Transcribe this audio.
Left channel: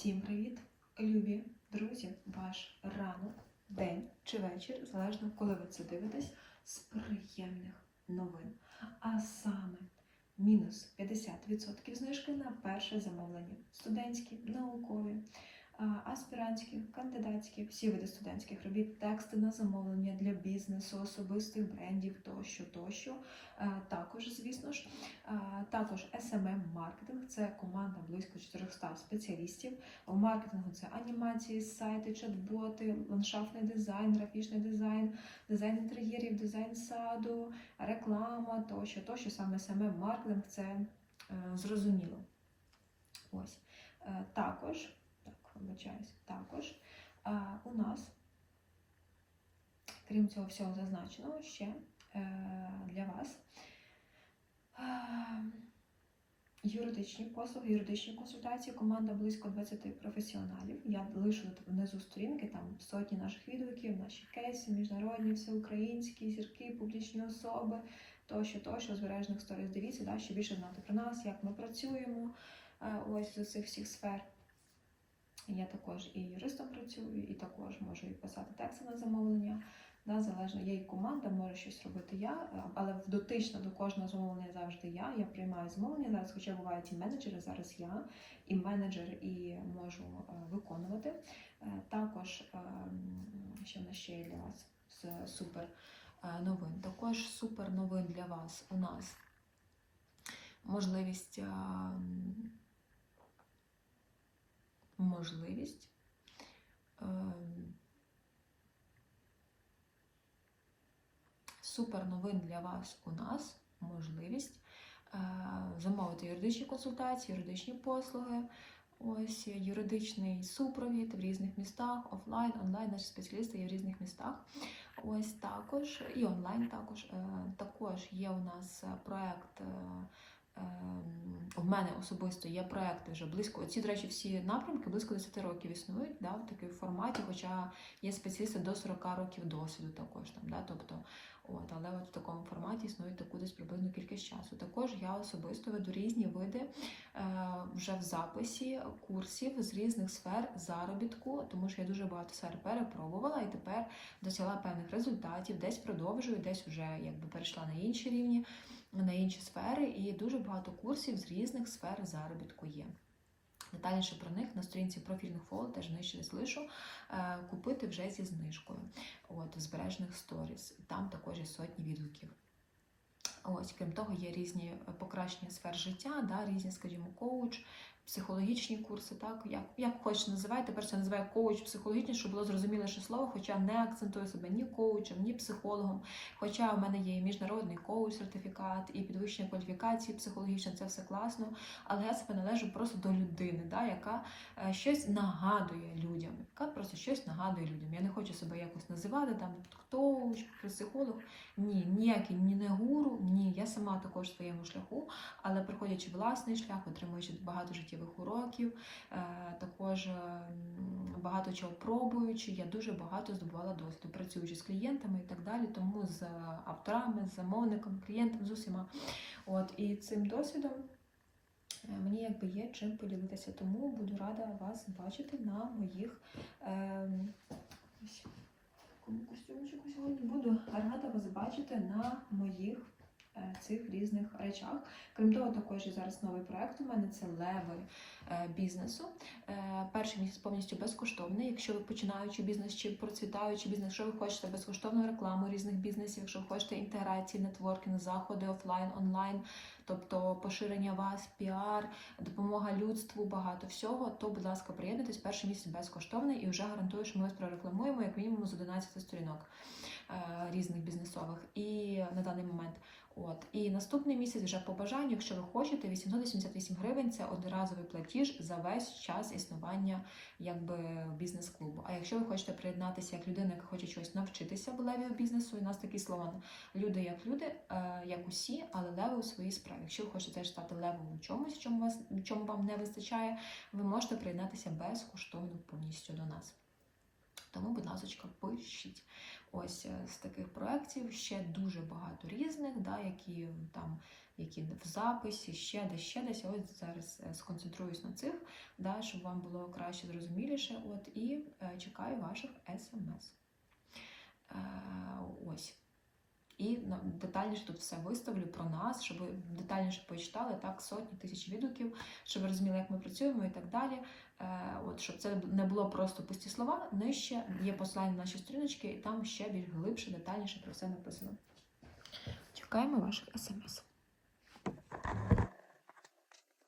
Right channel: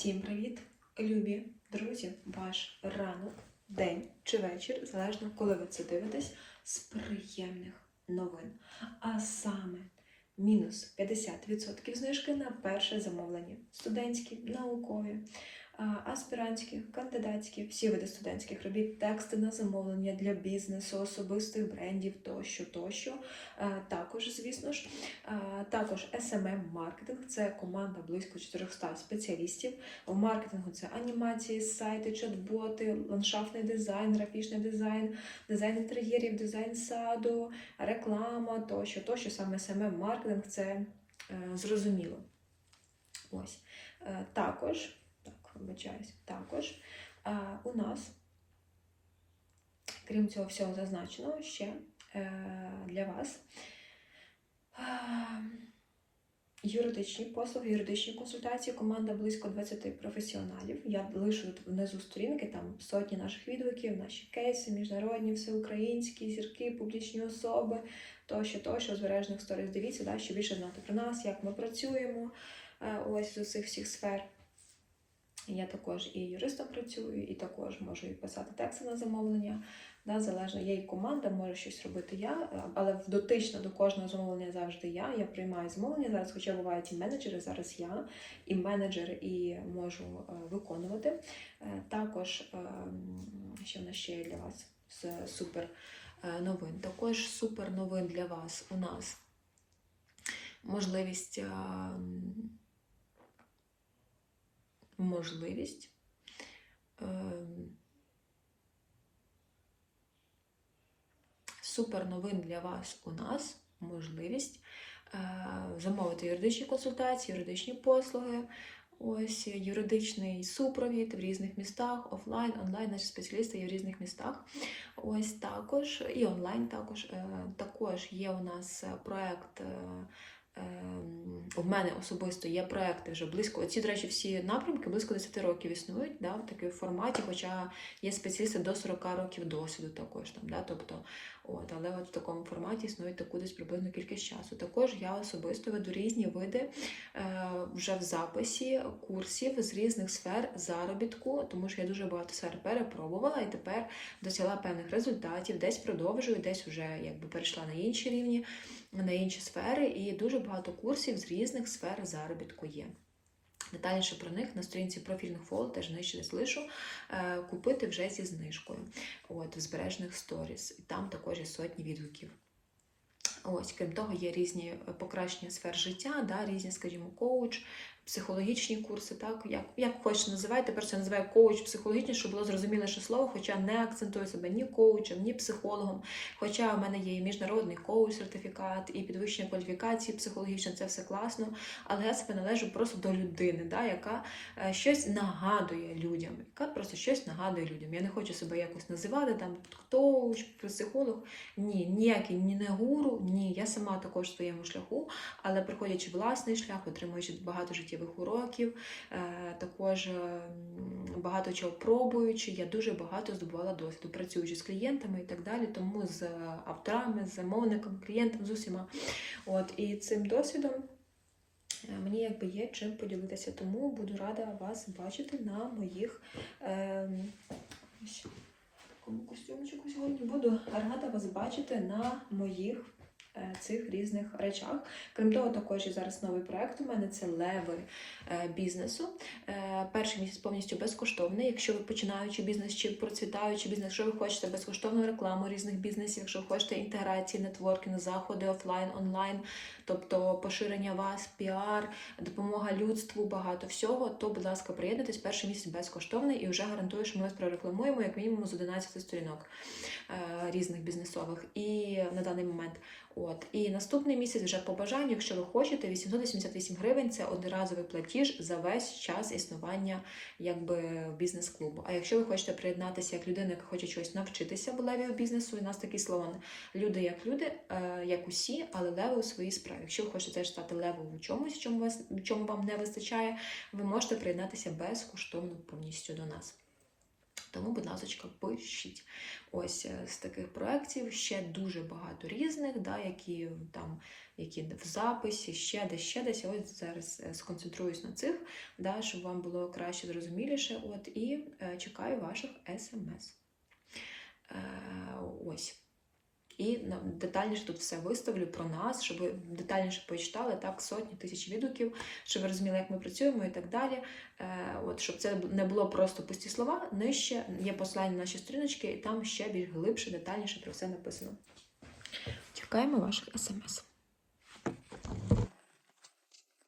Всім привіт, любі друзі! Ваш ранок, день чи вечір, залежно коли ви це дивитесь, з приємних новин. А саме мінус 50% знижки на перше замовлення. Студентські, наукові, аспірантські, кандидатські, всі види студентських робіт, тексти на замовлення для бізнесу, особистих брендів тощо, тощо. Також, звісно ж, також smm маркетинг це команда близько 400 спеціалістів. В маркетингу це анімації, сайти, чат-боти, ландшафтний дизайн, графічний дизайн, дизайн інтер'єрів, дизайн саду, реклама тощо, тощо саме smm маркетинг це е, зрозуміло. Ось. Е, також, так, вибачаюсь, також у нас, крім цього всього зазначеного, ще е, для вас юридичні послуги, юридичні консультації, команда близько 20 професіоналів. Я лишу внизу сторінки, там сотні наших відгуків, наші кейси, міжнародні, всеукраїнські, зірки, публічні особи, тощо, тощо, збережних сторіс. Дивіться, да, щоб більше знати про нас, як ми працюємо е, ось з усіх всіх сфер. Я також і юристом працюю, і також можу і писати тексти на замовлення. Да, залежно, є і команда, може щось робити я, але дотично до кожного замовлення завжди я. Я приймаю замовлення зараз, хоча бувають і менеджери, зараз я, і менеджер, і можу е, виконувати. Е, Також е, що в нас ще є для вас з супер е, новин. Також супер новин для вас у нас можливість. Е, Можливість. ем, Супер новин для вас у нас можливість е, замовити юридичні консультації, юридичні послуги, ось юридичний супровід в різних містах, офлайн, онлайн, наші спеціалісти є в різних містах. Ось також і онлайн також. Е, Також є у нас е, проект. Ем, У мене особисто є проекти вже близько. Ці, до речі, всі напрямки близько 10 років існують да, в такому форматі, хоча є спеціалісти до 40 років досвіду також там. Да, тобто, от, але от в такому форматі існують таку десь приблизно кількість часу. Також я особисто веду різні види е, вже в записі курсів з різних сфер заробітку, тому що я дуже багато сфер перепробувала і тепер досягла певних результатів, десь продовжую, десь вже якби перейшла на інші рівні, на інші сфери, і дуже багато курсів з різних сфер заробітку є. Детальніше про них на сторінці профільних фол, теж нижче залишу е, купити вже зі знижкою от, в збережних сторіс. Там також є сотні відгуків. Ось, крім того, є різні е, покращення сфер життя, да, різні, скажімо, коуч, психологічні курси, так, як, як хочете називайте, тепер це називаю коуч психологічний, щоб було зрозуміліше слово, хоча не акцентую себе ні коучем, ні психологом. Хоча в мене є і міжнародний коуч сертифікат, і підвищення кваліфікації психологічно, це все класно. Але я себе належу просто до людини, да, яка е, щось нагадує людям, яка просто щось нагадує людям. Я не хочу себе якось називати там коуч, психолог. Ні, ніякий ні не гуру, ні. Я сама також в своєму шляху, але проходячи власний шлях, отримуючи багато життєвих уроків, е, також е, багато чого пробуючи, я дуже багато здобувала досвіду, працюючи з клієнтами і так далі, тому з авторами, з замовниками, клієнтами, з усіма. От, і цим досвідом. е, Мені якби є чим поділитися, тому буду рада вас бачити на моїх ем, ось такому костюмчику сьогодні. Буду рада вас бачити на моїх е, цих різних речах. Крім того, також є зараз новий проект. У мене це леви е, бізнесу. Е, Перший місяць повністю безкоштовний. Якщо ви починаючи бізнес чи процвітаючи бізнес, якщо ви хочете безкоштовну рекламу різних бізнесів, якщо ви хочете інтеграції, нетворкінг, заходи офлайн, онлайн, тобто поширення вас, піар, допомога людству, багато всього, то, будь ласка, приєднуйтесь. Перший місяць безкоштовний і вже гарантую, що ми вас прорекламуємо як мінімум з 11 сторінок е, різних бізнесових. І на даний момент. От і наступний місяць вже по бажанню, якщо ви хочете, 888 гривень це одноразовий платіж за весь час існування якби бізнес-клубу. А якщо ви хочете приєднатися як людина, яка хоче чогось навчитися в леві бізнесу, у нас такий слоган люди як люди, е, як усі, але леви у своїй справі. Якщо ви хочете стати левом у чомусь, чому вас чому вам не вистачає, ви можете приєднатися безкоштовно повністю до нас. Тому, будь ласка, пишіть. Ось е, з таких проєктів ще дуже багато різних, да, які там які в записі, ще десь, ще десь. Я Ось зараз е, сконцентруюсь на цих, да, щоб вам було краще зрозуміліше. От і е, чекаю ваших смс. Е, ось. І детальніше тут все виставлю про нас, щоб ви детальніше почитали так сотні тисяч відгуків, щоб ви розуміли, як ми працюємо і так далі. Е, от, щоб це не було просто пусті слова. Нижче є посилання на наші сторіночки, і там ще більш глибше, детальніше про все написано. Чекаємо ваших смс.